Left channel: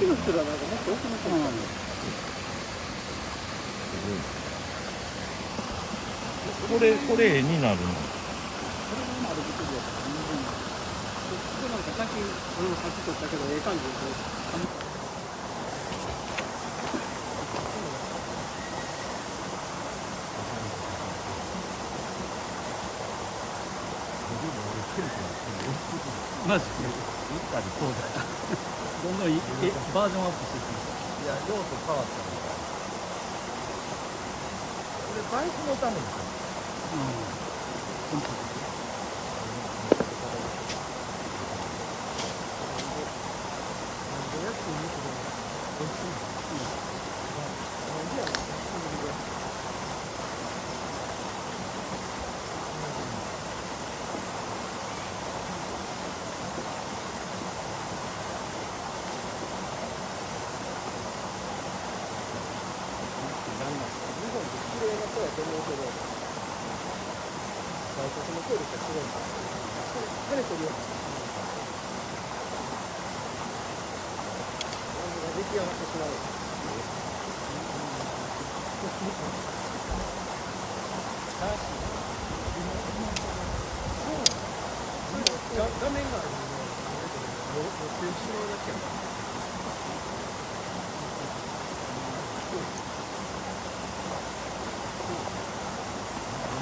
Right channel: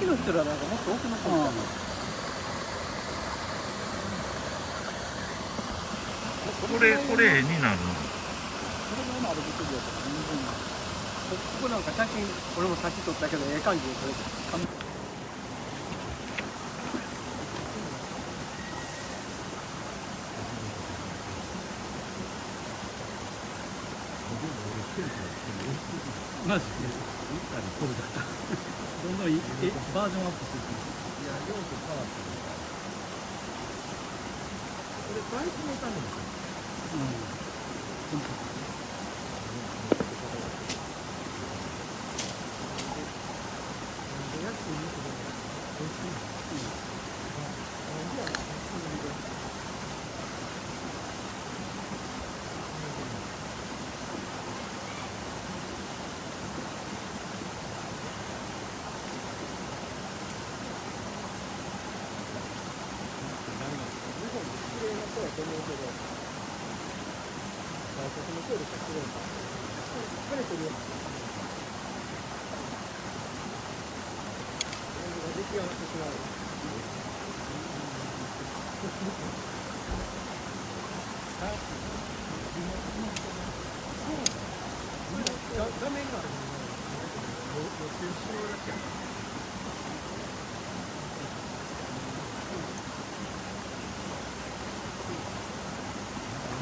きの人らなんかもっと奥の人。これ絵になるの。さっき俺もさっき撮ったけどええ感じです。マジでどんどんバージョンアップしていく。いや、用途変わったんだ。これバイクのために。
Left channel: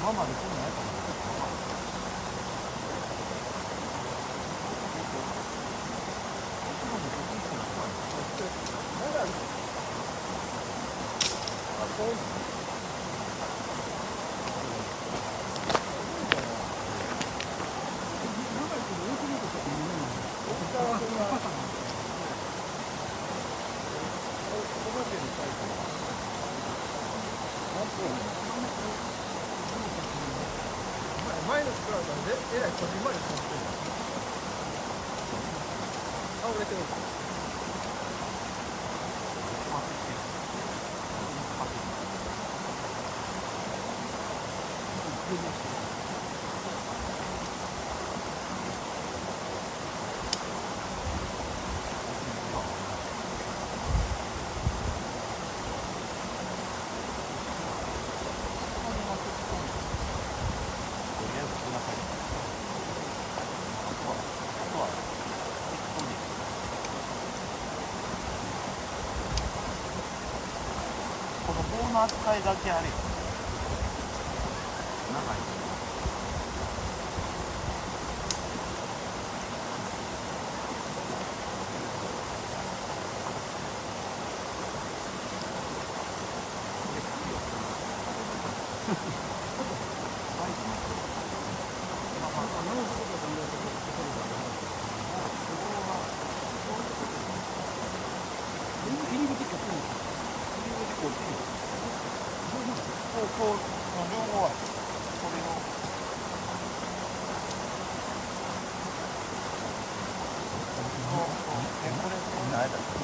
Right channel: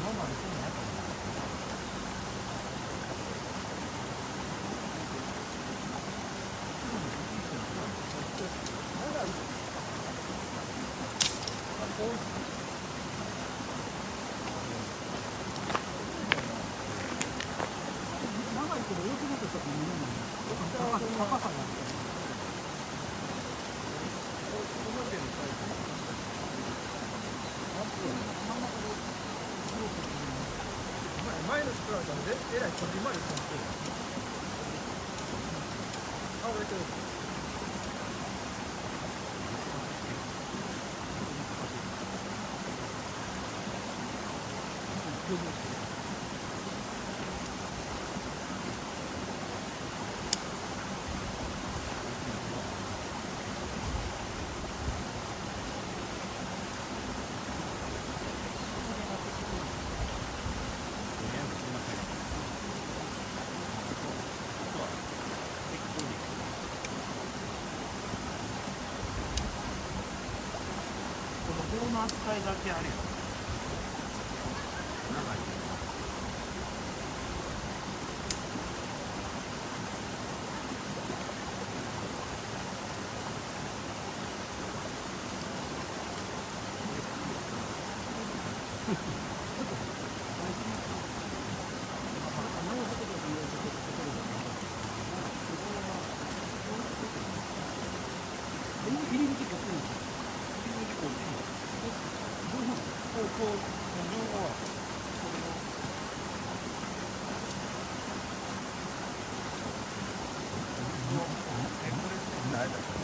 今までこんなんやったもんね。長いけど大きなとしたって見えない。高さなんですよ。前の人はえらいこじんまりしてますよ。倒れてる。この棒の扱いだけあれよ。長い。入り口こっちなんですよ。両方はそれを。これ何だっけ？フ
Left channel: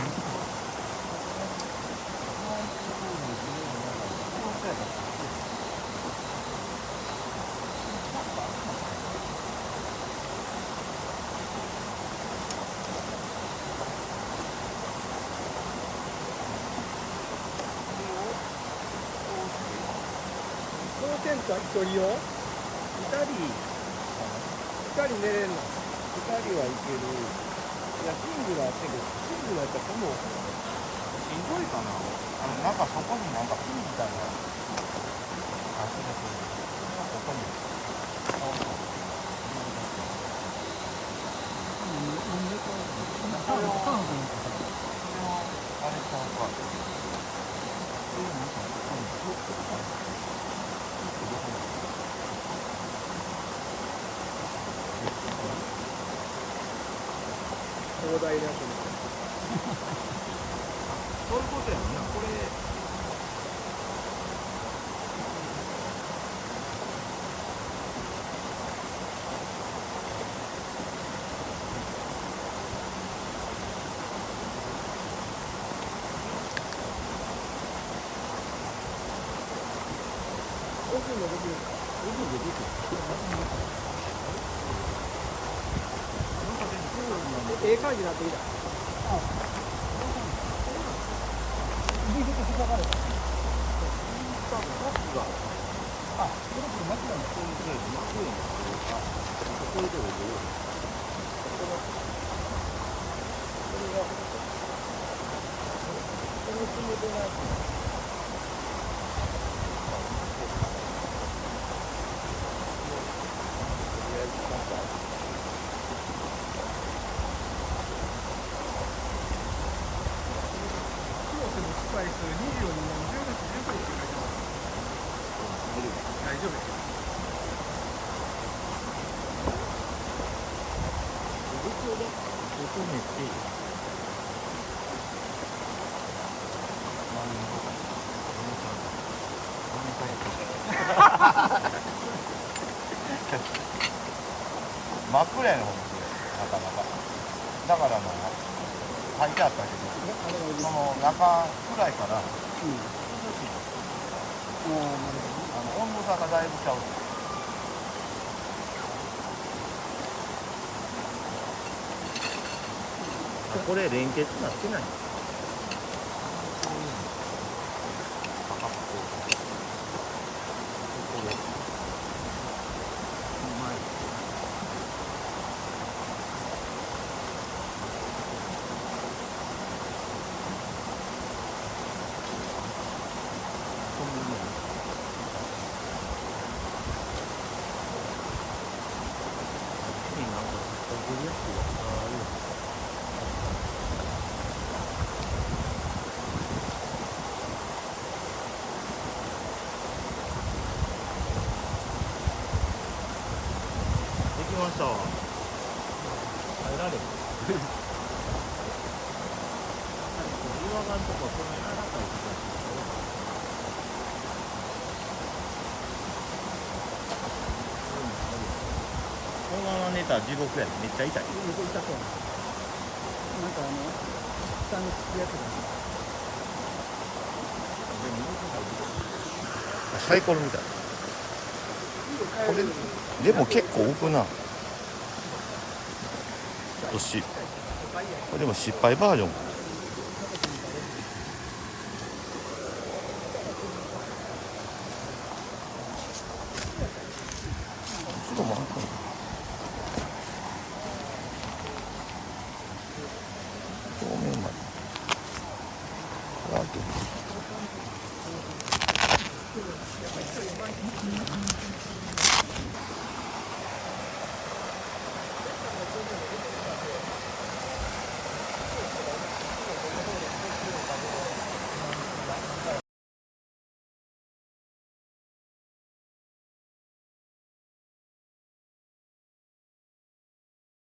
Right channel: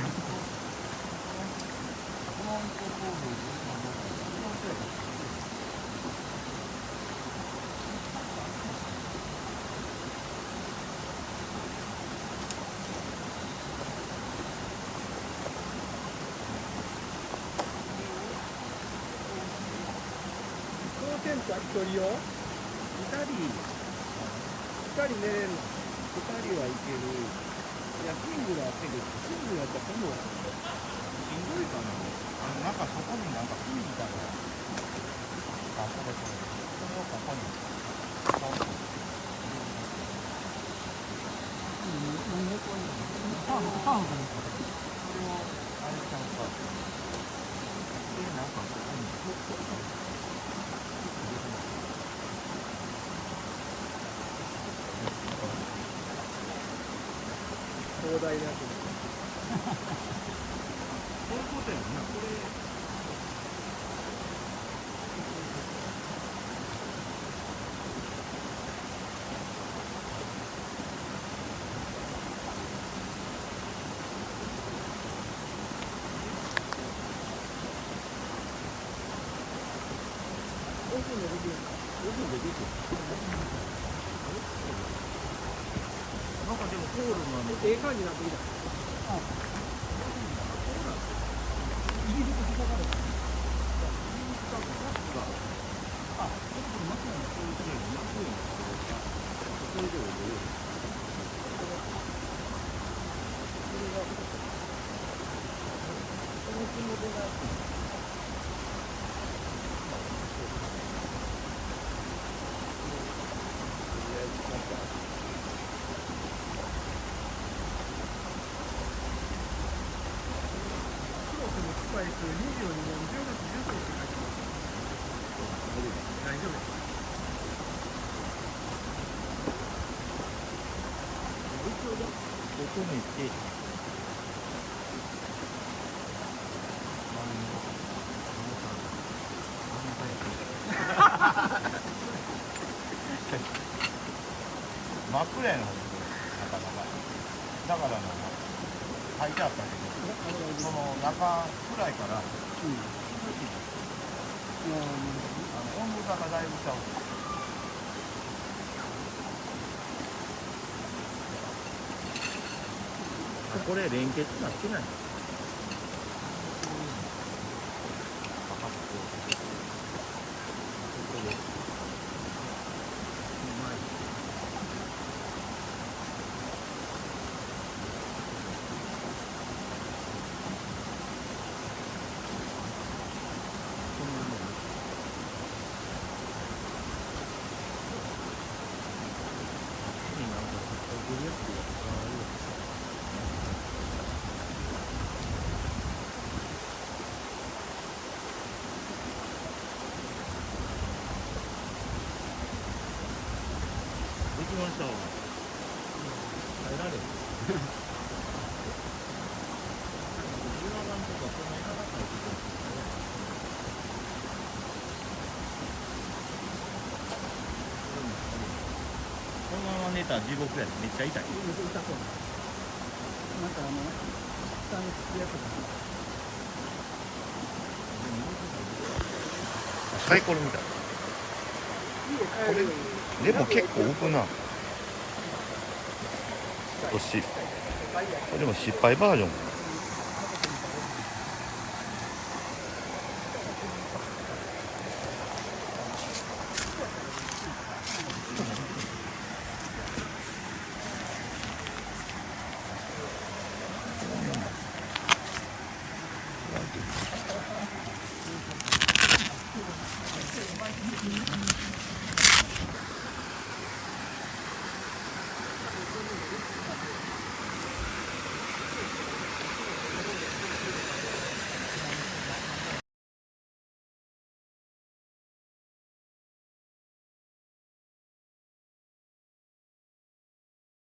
ロントコードズレの長いフロントやったっけ？1人用？2人寝れんの？2人はいける。いや、シングルあったけど、シングルやったらこの、しんどいかな。なんかそこになんか組みたいな。あ、それをここに、ポンと入れるだけ。何でこういうの？ターンかな？それを、あれちゃうか。で、なんかここに、フックあれ。フックどこに？壮大なやつ。そういうことやな。これ。奥で出てる。あれ？なんかでもコールがええ感じになってきた。あ、こうなんですよ。入り口塞がれた。多分カップがあ、くるくる巻くのね。こういうふうに巻くようになってる。あ、こういうところでこれがこの仕事のやつ。広瀬の近い人で24年10月15日って書いてある。大丈夫ですよ。求めて、真っ暗やねん、ほんとになかなか。だから書いてあったけど、その中暗いから、温度差がだいぶちゃう。これ連結なってない。できました。入られる。岩がんとかこんな柔らかいところに入らない。このまま寝たら地獄やね。めっちゃ痛い。なんか下につくやつサイコロみたい。これでも結構浮くな。これでも失敗バージョンか。表面まで。